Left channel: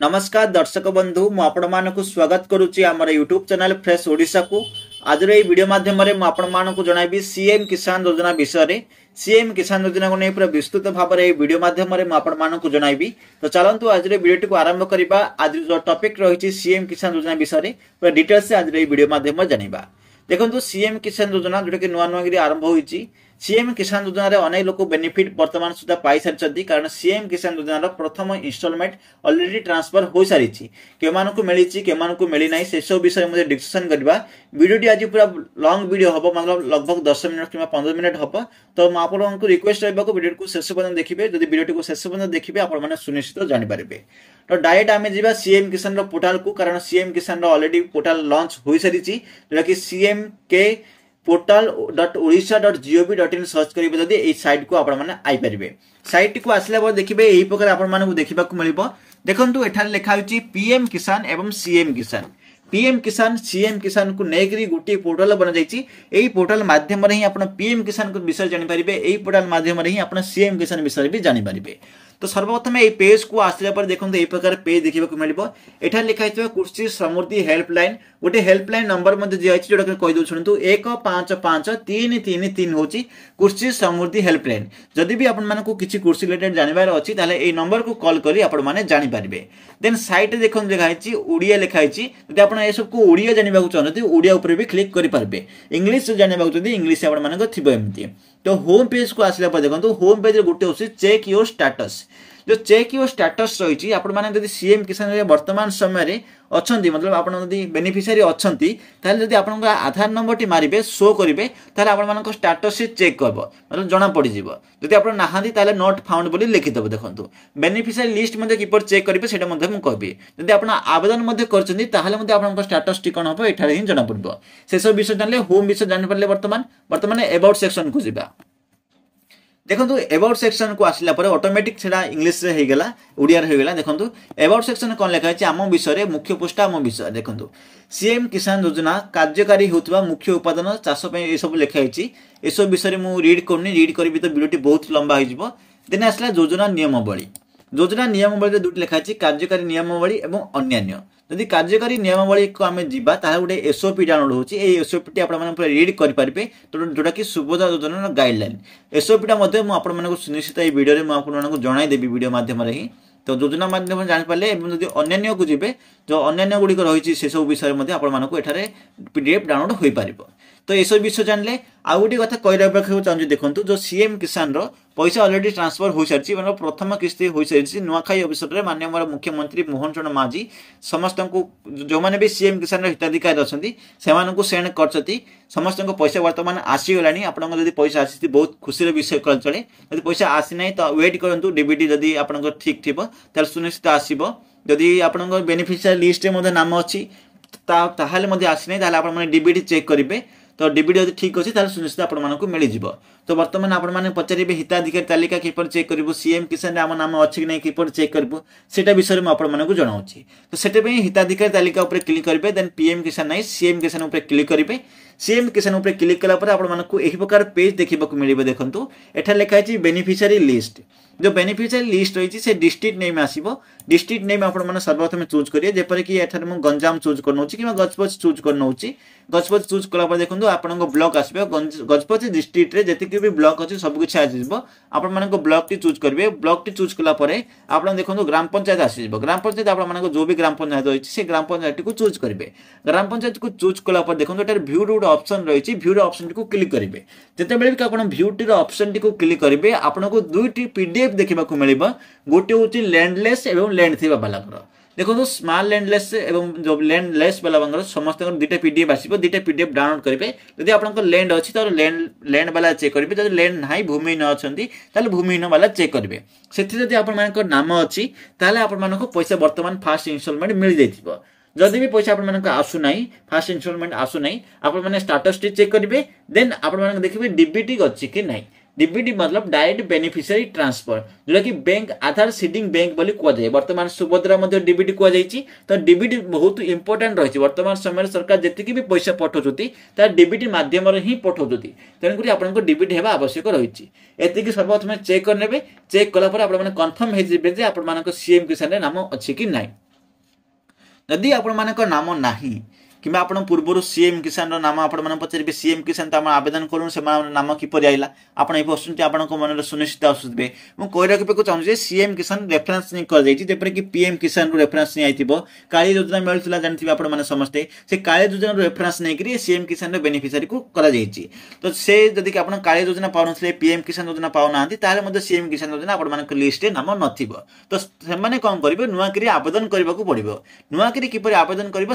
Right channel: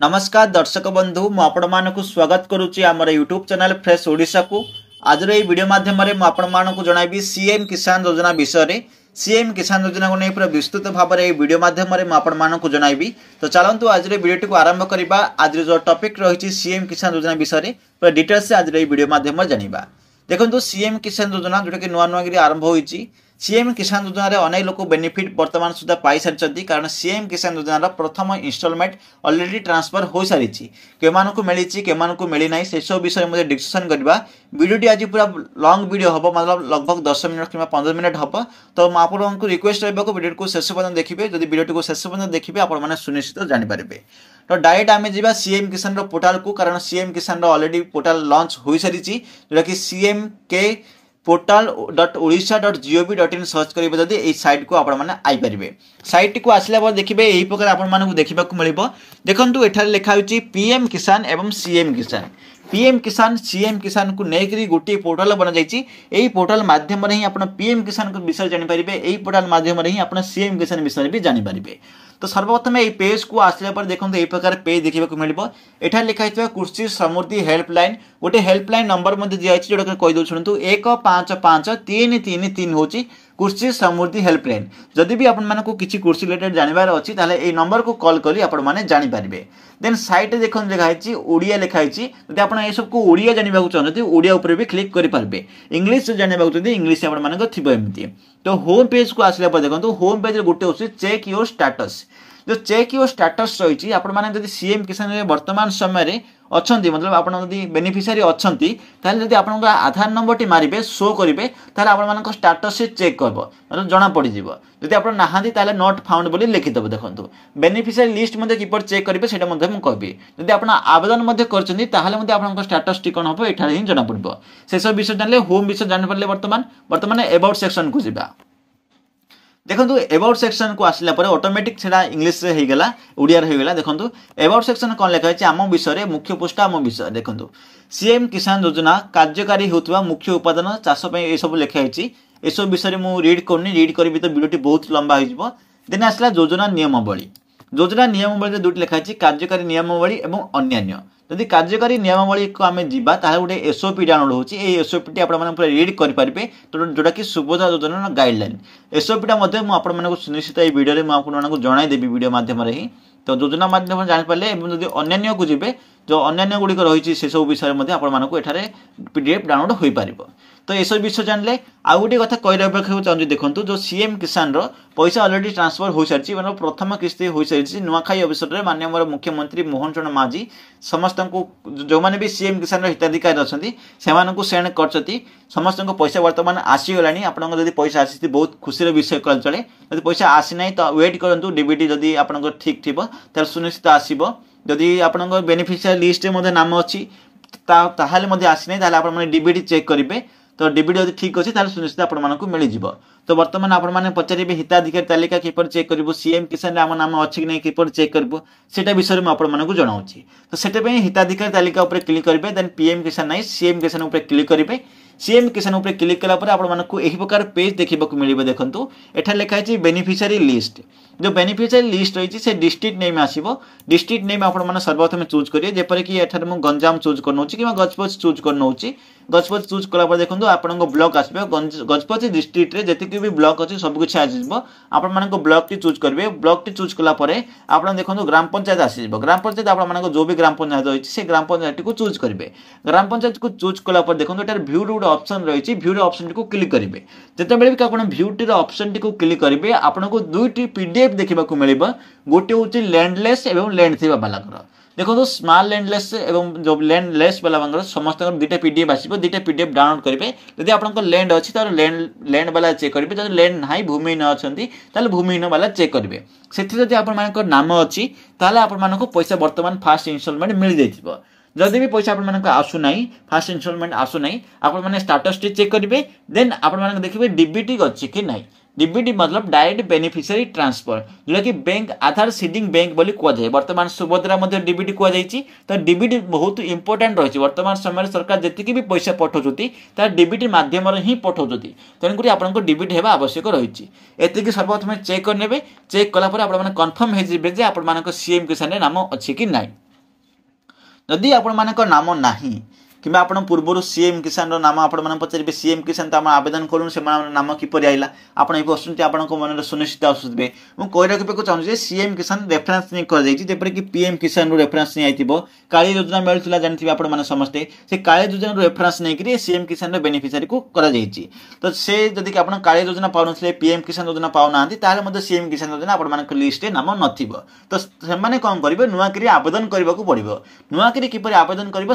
नमस्कार दर्शक बंधु मु आपण मानकु स्वागत करुच्ची आमर यूट्यूब चैनल फ्रेश ओडिशा को। आज ये वीडियो माध्यम आपण मानकु जणाइबी सीएम किसान योजना विषय रे। सीएम किसान योजना को नहीं पूरा विस्तृत भाव में वीडियो माध्यम आपण मानकु जणाइबी। तो चलंतु आज वीडियो को आरंभ करिबा। आज जो टॉपिक रही सीएम किसान योजना विषय रे पूरा डिटेल्स से आज वीडियो माध्यम जानिबा। देखंतु सीएम किसान योजना जोटा कि नुआ नुआ आरंभ होईची। सीएम किसान योजना रे अनेक लोक बेनिफिट वर्तमान सुधा पाई सारी कारण सीएम किसान योजना प्रथम इंस्टॉलमेंट ऑलरेडी ट्रांसफर हो सारी के मिली के मिली ना से सब विषय में डिस्कशन करवा। वीडियोटी आज पूरा लॉन्ग वीडियो हम मतलब लगभग 10 मिनट कि 15 मिनट हम। तो आपको रिक्वेस्ट रहा वीडियो को शेष पर्यटन देखिए। जब वीडियो को शेष पर्यटन देखिए आपने सुनिश्चित जानीपारे। तो डायरेक्ट आम जा सीएम किसान पोर्टाल को, कारण सीएम किसान ऑलरेडी पोर्टाल लॉन्च हो सारी जोटा कि सीएम के portal.odisha.gov.in सर्च करेंगे जदि ये साइट को आपण माने आई परिबे। साइट को आसला बाद देखिबे एही प्रकार आपण मानकु देखिबाकु मिलिबो। देखंतु एठार लिखा होची पीएम किसान एवं सीएम किसान। पीएम किसान सीएम किसान को नेकरी गोटे पोर्टाल बना जाइछि। एही पोर्टाल माध्यम रे ही आपण पीएम किसान को विषय जानि परिबे। एही पोर्टाल माध्यम रे ही आपण सीएम किसान विषय भी जानि परिबे। तो सर्वप्रथम ये पेज को आसला पर देखंतु एही प्रकार पेज देखिबाकु मिलिबो। एठार लिखा हितबा कृषि समृद्धि हेल्पलाइन गोटे हेल्पलाइन नंबर मध्ये दिया अछि जोटा कहि दउ छुनतु 155333 होची कृषि समृद्धि हेल्पलाइन। जदि भी आपण मानको किछि कृषि रिलेटेड जानिबार अछि ताले ए नंबर को कॉल करी आपण माने जानि पारिबे। देन साइट देखन लिखा अछि ओडिया लिखा अछि। जदि आपण ए सब को ओडिया जानिबाकु चाहନ୍ତି ओडिया ऊपर भी क्लिक करि पारबे। इंग्लिश जानिबाकु चाहନ୍ତି इंग्लिश आपण मानको थिबो एमति। तो होम पेज को आसला पर देखंतु होम पेज रे गोटे होछि चेक योर स्टेटस। जो चेक योर स्टेटस रही आपण माने जदि सीएम किसान रे वर्तमान समय रे अछंती मतलब आपण जदि बेनिफिशियरी अछंती ताले जदि आपण आधार नंबर टी मारिबे शो करिवे ताले आपण मानको स्टेटस से चेक करबो मतलब जणा पड़ी जिवो। जदि आपण नाहांती ताले नॉट फाउंड बोली लिखि दबो। देखंतु बेनिफिशियरी लिस्ट मध्ये किपर चेक करिवे सेटा मध्ये मु कहबी। जदि आपण आवेदन मध्ये करचंती ताले मध्ये आपण स्टेटस टी कोन होबो एठारे ही जणा पड़बो। से सब विषय जानले होम विषय जानि परले वर्तमान अबाउट सेक्शन को जिबा। देखंतु अबाउट सेक्शन को आसला पर ऑटोमेटिक सेडा इंग्लिश रे हेगला ओडिया रे हेगला। देखंतु अबाउट सेक्शन कोन लेखा अछि आम विषय रे मुख्य पोस्ट आम विषय। देखंतु सीएम किसान योजना कार्यकारी होतबा मुख्य उत्पादन चाष पे ए सब लेखा अछि। ए सब विषय रे मु रीड करनी रीड करबी तो वीडियोटी बहुत लंबा हो जिवो। देन आसला योजना नियमावली। योजना नियमावली रे दुटी लेखा अछि कार्यकारी नियमावली एवं अन्यान्य। जदि कार्यकारी नियमावली को आमे जिबा ताहा गोटे एसओपी डाउनलोड होची। ए एसओपी टी आपण माने पूरा रीड करि परिबे। तो जोटा कि सुबोधा योजना गाइडलाइन एसओपी टा मध्ये मु आपण माने को सुनिश्चित ए वीडियो रे मु आपण माने को जणाई देबी वीडियो माध्यम रे ही। तो योजना माध्यम जानि पाले एवं जदि अन्यान्य को जिबे जो अन्यान्य गुडी को रहिची से सब विषय मध्ये आपण माने को एठारे पीडीएफ डाउनलोड होई परिबो। तो ये सब विषय जानले आउ गोटे कथा कहराबा चाहूँ। देखो जो सीएम किसान रो पैसा ऑलरेडी ट्रांसफर हो सारी मतलब प्रथम किस्ती हो सारी नुआखाई अवसर में माननीय मुख्यमंत्री मोहन चरण मांझी समस्त को जो मैंने भी सीएम किसान हिताधिकारी अच्छा से सेंड कर समस्त पैसा वर्तमान आसीगला। आपको जब पैसा आसी बहुत खुशी विषय कल चले। जब पैसा आसी ना तो वेट करूँ डीबीटी जदि आप ठीक थी सुनिश्चित आसो। जदि आप बेनिफिशियरी लिस्ट में नाम अच्छी आसी ना आप डीबीटी चेक करेंगे। तो डीबीटी जब ठीक अच्छी सुनिश्चित आपको मिल। तो बर्तमान आपने पचारे हिताधिकारी तालिका किपर चेक करूँ सीएम किसान आम नाम अच्छी कि नहीं किपर चेक करूँ से विषय में आपको जनाऊँ। तो से हिताधिकारी तालिका उपर क्लिक करेंगे। देन पीएम किसान नहीं सीएम किसान उपर क्लिक करेंगे। सीएम किसान उपर क्लिक कलापर आपको यही प्रकार पेज देखा मिले। देखो एठार लिखाई बेनिफिशियरी लिस्ट। जो बेनिफिशियरी लिस्ट रही से डिस्ट्रिक्ट नेम आसो। डिस्ट्रिक्ट नेम आपने सर्वप्रथम चूज करेंगे। जेपर कि एठार मुझे गंजाम चूज कर कि गजपति चूज कर गजपति चूज कलापर देखो आपको ब्लॉक आसो। गजपति डिस्ट्रिक्ट रे जति भी ब्लॉक अच्छी सब किसी आसो। आप ब्लॉक टी चूज करेंगे। ब्लॉक टी चूज कलापर आप देखो ग्राम पंचायत आसीज। ग्राम पंचायत आप जो भी ग्राम पंचायत रही है ग्राम पंचायत को चूज करेंगे। ग्राम पंचायत को चूज कलापर देखो ये भ्यू गोटे ऑप्शन रही भ्यूर ऑप्शन को क्लिक करेंगे। जितेबाला भी आप भ्यूटीर ऑप्शन टी को क्लिक करेंगे आपको दुईटी पीडीएफ देखा मिले। गोटे हूँ लैंडलेस और लैंड थी बालांकर। देखो स्मॉल लैंडलेस एवं जो लैंडलेस वाला समस्त दुईटा पीडीएफ आसो। दुईटा पीडीएफ डाउनलोड करेंगे। जब आपको लैंड अच्छी तो लैंड वाला चेक करेंगे। जब लैंड ना भूमिहीन अच्छा भूमिहीन वाला चेक करेंगे। से आप नाम अच्छी आपको पैसा वर्तमान फास्ट इनस्टॉलमेंट मिल जाइए। जदि भी पैसा आपको आसुना फास्ट इनस्टॉलमेंट आसुना आपने स्टेटस टी चेक करेंगे। देन आप देखिए डीबीटी अच्छी कि नहीं। डीबीटी मतलब डायरेक्ट बेनिफिशियरी ट्रांसफर जोटा कि बैंक आधार सीडिंग बैंक बोली कहुए। वर्तमान सुभद्रा डीबीटी कहुई। तो डीबीटी बहुत इंपोर्टेंट रही। वर्तमान समय सरकार जी भी पैसा पठाउछथि डीबीटी माध्यम ही पठाउछथि। तेणुक आपको डीबीटी होगा आवश्यक रही। एतिक सर्वप्रथम चेक करने। चेक कलापर आप कन्फर्म हो सीएम किसान नाम अच्छी कि ना। जदि आपण मानक नाम नाही कि आप पूर्व सीएम किसान नाम आप पचारे सीएम किसान तो आम आवेदन करूँ से नाम किपर आइला आप ये प्रश्न आप मन सुनिश्चित आसुवे मुझे कही रखा चाहूँगी सीएम किसान रेफरेन्स नहीं कर कि पीएम किसान रेफरेन्स नहीं आई काली योजना मिलूला जानते आप समस्ते से काली योजना रेफरेन्स नहीं सीएम किसान बेनिफिशियरी को तो से जदि आप काली योजना पाऊन पीएम किसान योजना पाऊना सीएम किसान योजना आप लिस्ट नाम नथिबो तो से कौन करेंगे नुआकरी आवेदन करने को पड़ो नुआकरी किपर आवेदन कर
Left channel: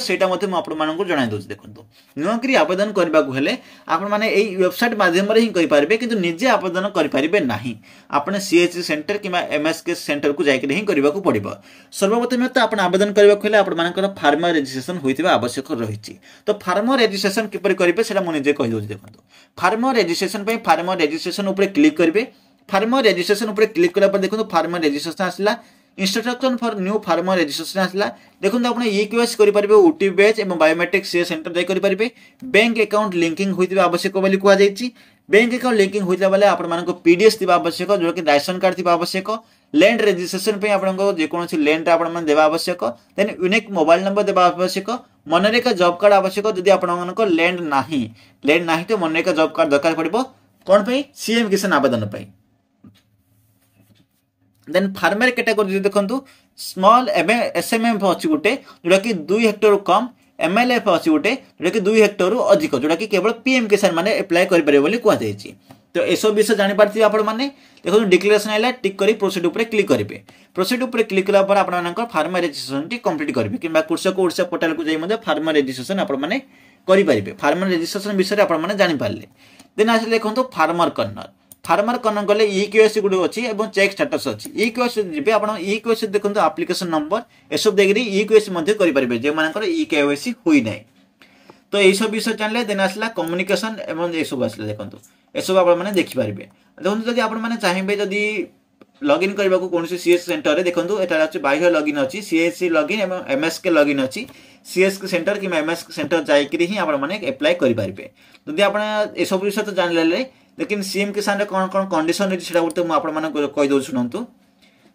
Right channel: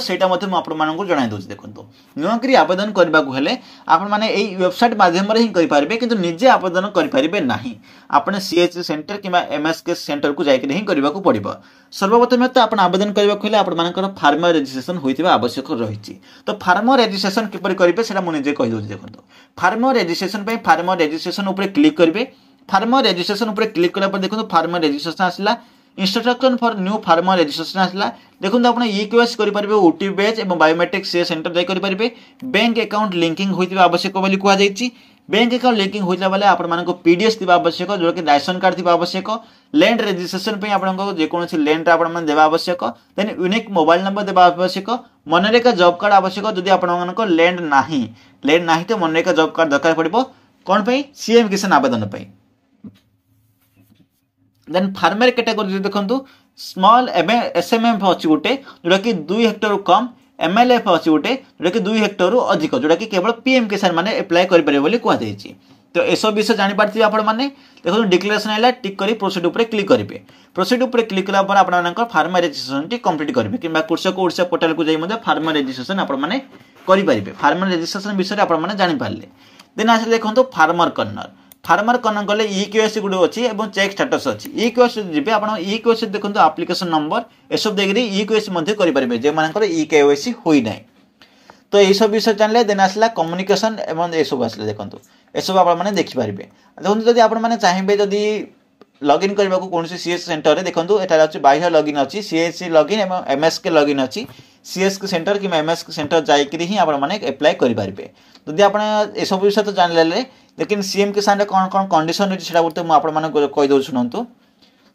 आपको जणाई दूसरी देखो नुआकरी आवेदन करने को हेले आपण माने एई वेबसाइट माध्यम रे ही करि पारबे किंतु निजे आवेदन करि पारिबे नाही आपने सीएचसी सेंटर किबा एमएसके सेंटर को जाय के ही करबा को पड़िबो सर्वप्रथम तो आपण आवेदन करबा को हेले आपण मानकर फार्मर रजिस्ट्रेशन होइतिबा आवश्यक रहिछि तो फार्मर रजिस्ट्रेशन किपर करिवे सेटा मु निजे कहि दोछि देखो फार्मर रजिस्ट्रेशन पे फार्मर रजिस्ट्रेशन ऊपर क्लिक करिवे फार्मर रजिस्ट्रेशन ऊपर क्लिक कला पर देखो फार्मर रजिस्ट्रेशन आसला instruction for new farmer registration आसला देखो आप ईकेवाईसी करेंगे ओटीपी बेच और बायोमेट्रिक से सेंटर जाई करेंगे बैंक अकाउंट लिंकिंग होता आवश्यक बोली कहुई बैंक अकाउंट लिंकिंग होता बेले आप पीडीएस थी आवश्यक जो कि राशन कार्ड थी आवश्यक लैंड रजिस्ट्रेशन पे आपको जेकोसी लैंड आप देवा आवश्यक देन यूनिक मोबाइल नंबर देवा आवश्यक मनरेगा जॉब कार्ड आवश्यक जदि आप लैंड ना तो मनरेगा जॉब कार्ड दरकार पड़ो कौन पे सीएम किसान आवेदन पे देन फार्मर कैटेगरी देखो स्मॉल एसएमएफ अच्छी गोटे जोटा कि 2 हेक्टर कम एमएलएफ अच्छी गोटे जोटा कि 2 हेक्टर अधिक जोटा कि केवल पीएम किसान माने अप्लाई करेंगे बोली कहुई तो यह सब विषय जापारे आपने देखो डिक्लेरेशन आइला टिक कर प्रोसीड उपर क्लिक करेंगे प्रोसीड उपर क्लिक कला आप फार्मर रजिस्ट्रेशन टी कंप्लीट करेंगे कि कृषक ओडिशा पोर्टाल को जाइए फार्मर रजिस्ट्रेशन आपने करेंगे फार्मर रजिस्ट्रेशन विषय आपने जापारे देन आस देखो फार्मर कॉर्नर गले ईकेवाईसी गुड अच्छी और चेक स्टेटस अच्छी ईकेवाईसी जी आप ईकेवाईसी देखो एप्लिकेशन नंबर यह देखिए ईकेवाईसी करेंगे जो मान ईकेवाईसी होना तो यही सब विषय जानले देन आसला कम्युनिकेशन एवं ये सब आसला देखो ये सब आप देखिपारे देखो जब आप चाहिए जदि लॉगिन करने को कौन सीएस सेंटर में देखो यहाँ बाह्य लॉगिन अच्छी सीएससी लॉगिन और एमएसके लॉगिन अच्छी सीएसके सेंटर कि एमएसके सेंटर जाकि ही अप्लाई करेंगे जदि आप ये सब विषय तो जानले लेकिन सीएम किसान कौन कौन कंडीशन रही है मुझे कहीदे शुणु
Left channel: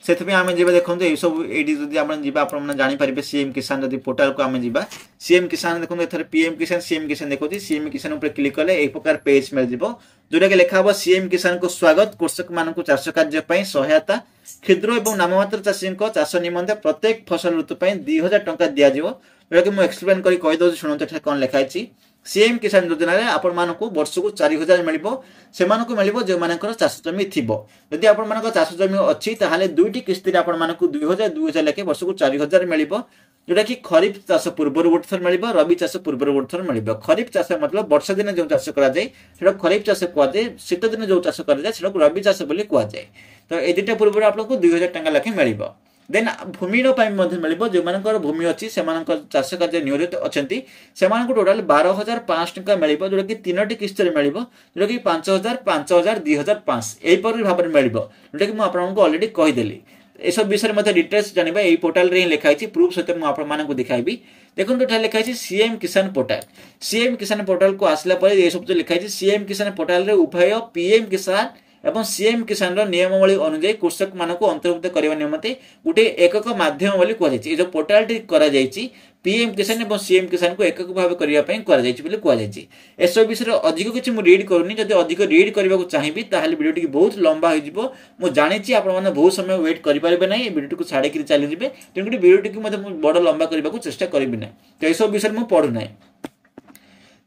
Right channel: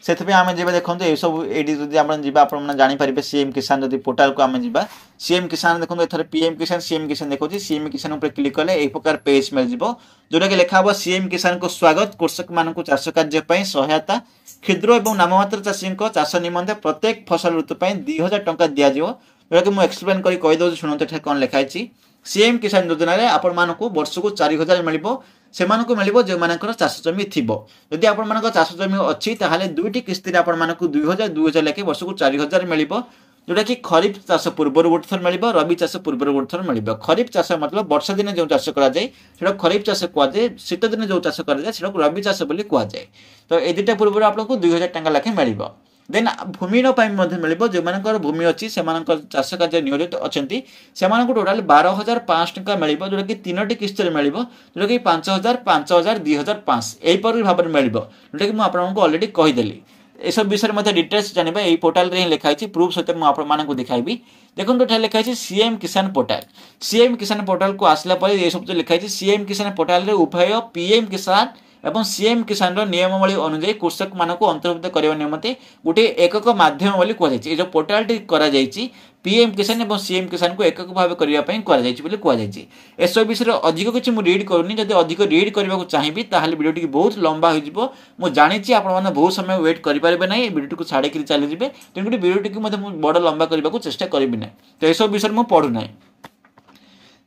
से आम जी देखो ये सब ये आप जापारे सीएम किसान जब पोर्टाल को आम जा सीएम किसान देखो ये पीएम किसान सीएम किसान देखो सीएम किसान उपर क्लिक कले एक प्रकार पेज मिल जाव जोटा कि लिखा हम सीएम किसान को स्वागत कृषक मान चाष कार्य सहायता क्षुद्र और नाममात्र चाषी चाष निमंते प्रत्येक फसल ऋतु 2000 टंका दिया जोटा कि मुझे एक्सप्लेन कर कहीदे शुणु कौन लिखाई सीएम किसान योजना आपण मानक वर्ष को 4000 मिल से मिल जो मान चाष जमी थी जदि आप चाष जमी अच्छी ताहले 2टी किस्ती आपण 2000 लेखे वर्ष को 4000 मिल जोटा कि खरीफ चाष पूर्व गोटे थर मिल रबी चाष पूर्व गोटे थर मिल खरीफ चाष मतलब वर्षा दिन जो चाष कर खरीफ चाष कहुए शीत दिन जो चाष कर रबी चाष कहुए तो ये 2टा पूर्व आपको 2000 टंका लेखे मिल देन भूमिर मिल जो मान भूमि अच्छी से चाष कार्य नियोजित अच्छा से टोटाल 12,500 टंका मिल जोटा कि 3टी किस्त मिल जोटा कि 5,000 5,000 2,500 यहीपर भाव में मिल जोटा कि मुझे अलरेडी कहीदेली ये सब विषय में डिटेल्स जानवा यही पोर्टाल रे लिखाई प्रूफ सहित मुझे दिखाई देखो ये लिखाई सीएम किसान पोर्टाल को आसला ये सब लिखाई सीएम किसान पोर्टाल उभय पीएम किसान एवं सीएम किसान नियमावली अनुଯାयी कृषक मान अंतर्भुक्त करने निमंते गोटे एकक माध्यम बोली कहुई जो पोर्टाल टी पीएम किसान और सीएम किसान को एकक भाव करने कहुई एसब विषय अधिक किसी मुझे रीड करूनी जब अधिक रीड करने को चाहिए ताहले वीडियोटी बहुत लंबा हो मुझे जानी आप बहुत समय वेट करेंगे ना वीडियो को छाड़ी चली जाए तेणुक वीडियोटी को बड़ लंबा करने को चेष्टा करी ना तो यह विषय मुझे पढ़ुना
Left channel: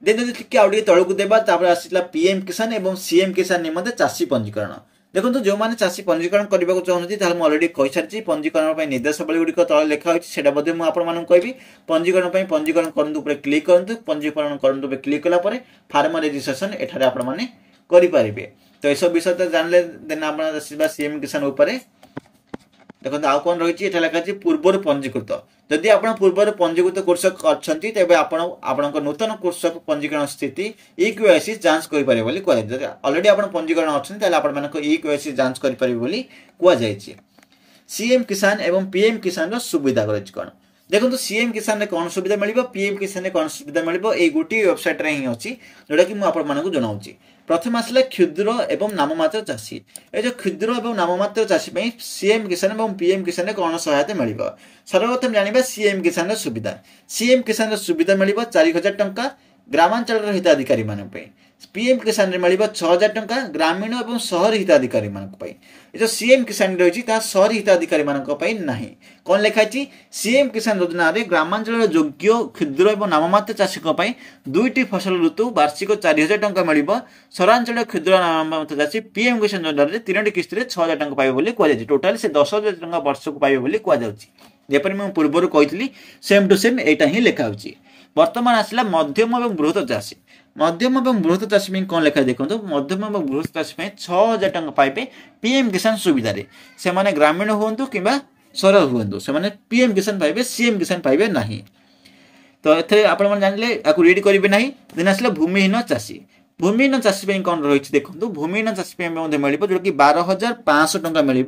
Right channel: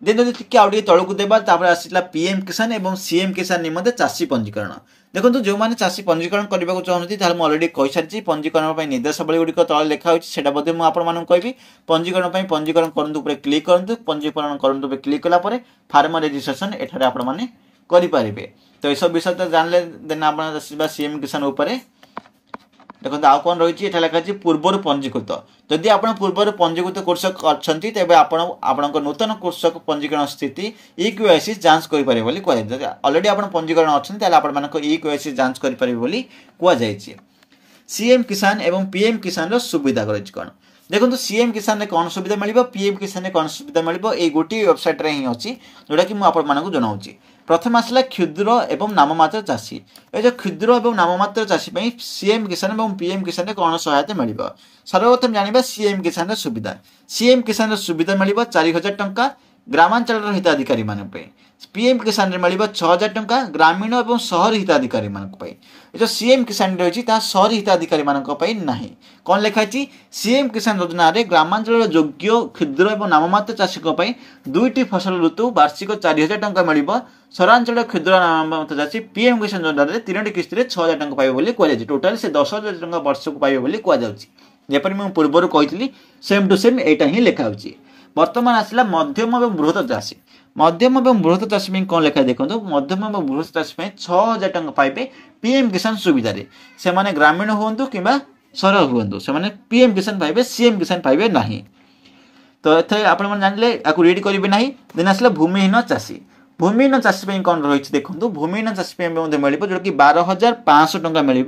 देन जब आगे तौक देवा आसला पीएम किसान और सीएम किसान निमंते चाषी पंजीकरण देखो जो मैंने चाषी पंजीकरण करने को चाहूँगी मुझे अलरेडी कही सारी पंजीकरण निर्देशावली गुड़िक तले लिखा होती मुझे कहि पंजीकरण पंजीकरण करूँ क्लिक करूँ पंजीकरण करूँ क्लिक कलापर फार्मर रजिस्ट्रेशन एठारे आपने करेंगे तो यह सब विषय तो जानले देन आप सीएम किसान उपर देखो आउ कौन रही है लिखाई पूर्वर पंजीकृत जदि आप पूर्वर पंजीकृत कृषक अच्छा तेज आप नूतन कृषक पंजीकरण स्थिति ईकेवाईसी जांच करेंगे बोली कहुई अलरेडी आप पंजीकरण अच्छा ईकेवाईसी जांच करेंगे बोली कहुई सीएम किसान एवं पीएम किसान सुविधा रही कौन देखो सीएम किसान में कौन सुविधा मिल पीएम किसान में कौन सुविधा मिल गोटे वेबसाइट ही अच्छी जोटा कि मुझे जनाऊँगी। प्रथम आसला क्षुद्र एवं नाममात्र चाषी ये जो क्षुद्र एवं नाममात्र चाषी सीएम किसान और पीएम किसान में कौन सहायता मिल सर्वप्रथम जाना सीएम किसान सुविधा। सीएम किसान सुविधा मिल 4000 टंका ग्रामांचल हिताधिकारी मान पीएम किसान मिल 6000 टंका ग्रामीण और सहरी हिताधिकारी मान जो सीएम किसान रही सहरी हिताधिकारी मान कौन लिखाई सीएम किसान योजना रे ग्रामांचल योग्य क्षुद्र और नाममात्र चाषी दुईटी फसल ऋतु वार्षिक 4000 टंका मिल सहरांचल क्षुद्र नाममात्र चाषी पीएम किसान योजना रे 3टी किस्त 6000 टंका पाइबे कहु टोटाल से 10,000 टंका वर्ष को पाइबे कहपर मुझे पूर्वर कही सेम टू सेम यहाँ ही लिखाई। वर्तमान आसला मध्यम और बृहत चाषी। मध्यम और बृहत चाषी कौन लिखा देखो मध्यम और बृहत चाषी 6000 टंका पाइबे पीएम किसान सुविधा से माने ग्रामीण हूँ कि सहर हूँ से पीएम किसान पाइबे सीएम किसान पाइबे ना। तो ये आप जानले आपको रीड करेंगे ना। दिन आसला भूमिहीन चाषी। भूमिहीन चाषी कौन रही देखो भूमिहीन चाषी मिल जो कि 12,500 टंका मिल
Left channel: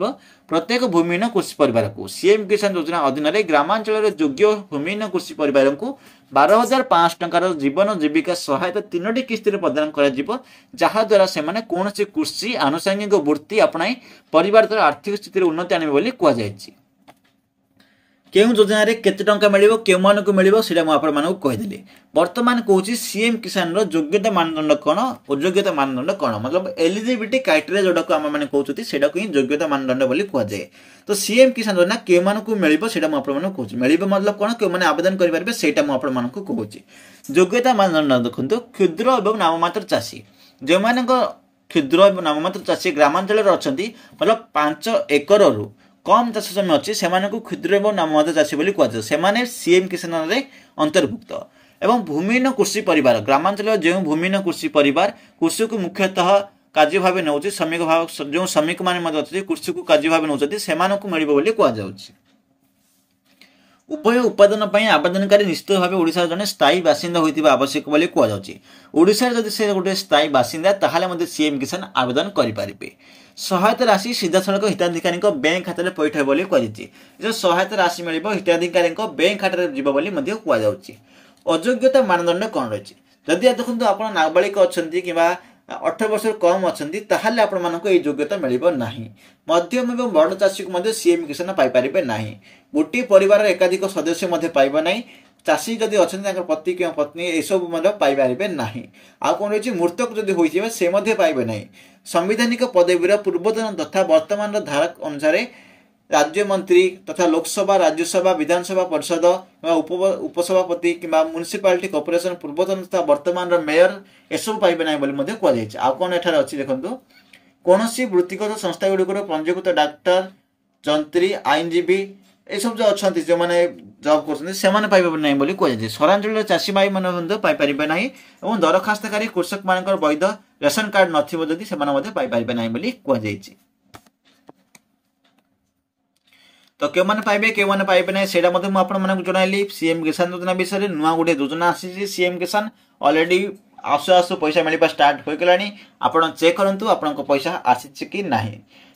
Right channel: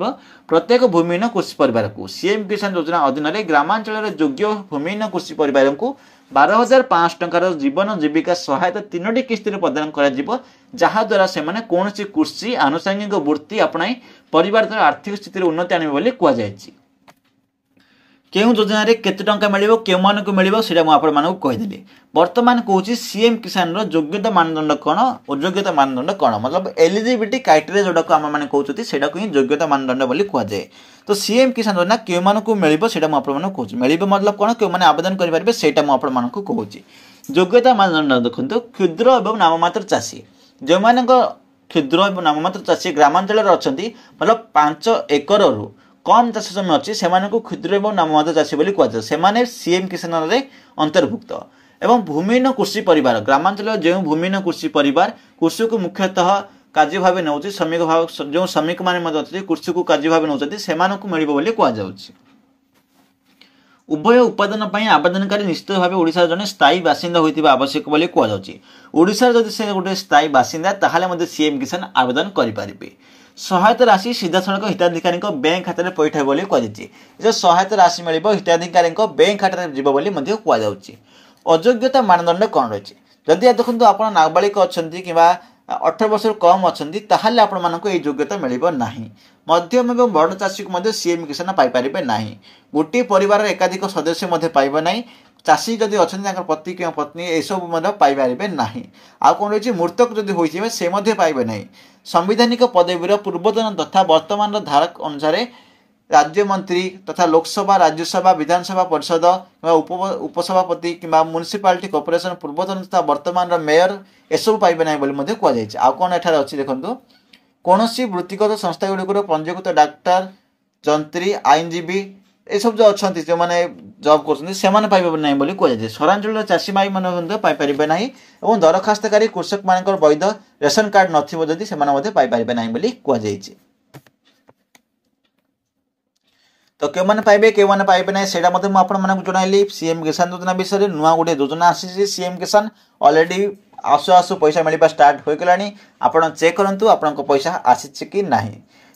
प्रत्येक भूमिहीन कृषि परिवार को सीएम किसान योजना अधीन ग्रामांचल योग्य भूमिहीन कृषि परिवार को 12,500 टंकार जीवन जीविका सहायता 3टी किस्त प्रदान करा से कौन कृषि आनुषंगिक वृत्ति अपनाई परिवार आर्थिक स्थिति उन्नति आने कहुई। केउं योजना रे केते टंका मिलिबो केउ मानकु मिलिबो सेटा मु आपण मानकु कहिदेली। वर्तमान कहूची सीएम किसान रो योग्यता मानदंड कोन अयोग्यता मानदंड कोन मतलब एलिजिबिलिटी क्राइटेरिया जोडा को हम माने कहउचती सेटा को ही योग्यता मानदंड बोली कहआ जाय। तो सीएम किसान योजना केउ मानकु मिलिबो सेटा मु आपण मानकु कहउची मिलिबो मतलब कोन केउ माने आवेदन करि परबे सेटा मु आपण मानकु कहउची। योग्यता मानदंड देखंतु क्षुद्र एवं नाममात्र चाषी जे मानक क्षुद्र एवं नाममात्र चाषी ग्रामांचल रे अछंती मतलब 5 एकर रु कम चाष जमी अच्छी से क्षुद्र और नाममात्र चाषी बोली कहु से सीएम किसान रे अंतर्भुक्त। एवं भूमिहीन कृषि परिवार ग्रामांचल जो भूमिहीन कृषि परिवार कृषि को मुख्यतः कार्य भाव नौ श्रमिक भाव जो श्रमिक मैंने कृषि को कार्य भाव नौ से मिल कहु। उभय उत्पादन आवेदनकारी निश्चित भाव ओडिशा जने स्थायी बासिंदा होइतिबा आवश्यक बोली कहु। ओडिशा जदि से गोटे स्थायी बासिंदा ताहाले सीएम किसान आवेदन करें। सहायता राशि सीधा सड़क हिताधिकारी बैंक खाता में पैठ बोली कह सहायता राशि मिल हिताधिकारी बैंक खाता में जीव कहु। अयोग्यता मानदंड कौन रही जदि देखो आप नाबालिक अच्छा कि 18 वर्ष कम अच्छा ताहले आपण मानक योग्यता मिल ना। मध्यम एवं बड़ चाषी को सीएम किसान पाइपर ना। गोटे परिवार एकाधिक सदस्य पाइब ना। चाषी जदि अच्छा पति कि पत्नी यह पाइपर ना। आउ कौन रही मृतक जदि होते से पाइबे ना। संवैधानिक पदवीर पूर्वतन तथा वर्तमान धारक अनुसार राज्य मंत्री तथा लोकसभा राज्यसभा विधानसभा परिषद उपसभापति कि म्युनिसिपालिटी कॉर्पोरेशन पूर्वतन तथा वर्तमान मेयर एसबू पाइबे ना कहुई। आउ कौन एठार अच्छी देखो कौन वृत्तिगत संस्था गुड़िक पंजीकृत डाक्टर जंत्री आईनजीवी ये सब जो अच्छा जो मैंने जॉब कर पाइबे ना कहु। सहरांचल चाषी भाई मैंने पाइपर ना और दरखास्तकारी कृषक मान वैध रेशन कार्ड नथी से पाइपर ना कहु। तो क्यों मैंने पाइबे क्यों मैंने पाइबे ना से जनइली सीएम किसान योजना विषय नुआ गोटे योजना आसी सीएम किसान ऑलरेडी आसु आसु पैसा मिलवा स्टार्ट हो गलानी। आपण चेक करंतु आपन को पैसा आसी कि नाही।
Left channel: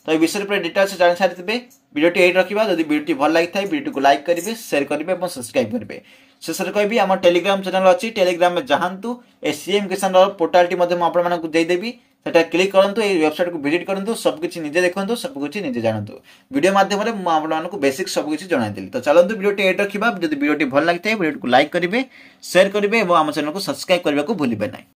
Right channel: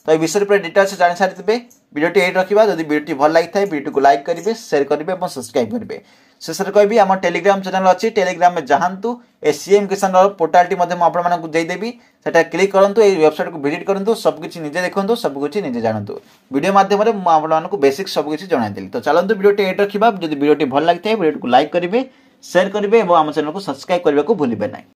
तो ये विषय पर डिटेल्स जान सारी वीडियोटी यही रखा। जब वीडियोटी भल लगी था वीडियो को लाइक करेंगे शेयर करेंगे और सब्सक्राइब करेंगे। शेष में कहि आम टेलीग्राम चैनल अच्छी टेलीग्राम में जातु ए सीएम किसान पोर्टाल आपदेवी से क्लिक करूँ वेबसाइट को विजिट करूँ सबकि निजे देखो सबकि निजे जानतु वीडियो मध्यम आपको बेसिक सबकि जनाइली। तो चलते वीडियोटी ये रखा। जब वीडियोटी भल लगी था वीडियो को लाइक करेंगे शेयर करेंगे और आम चैनल को सब्सक्राइब करने को भूलें ना।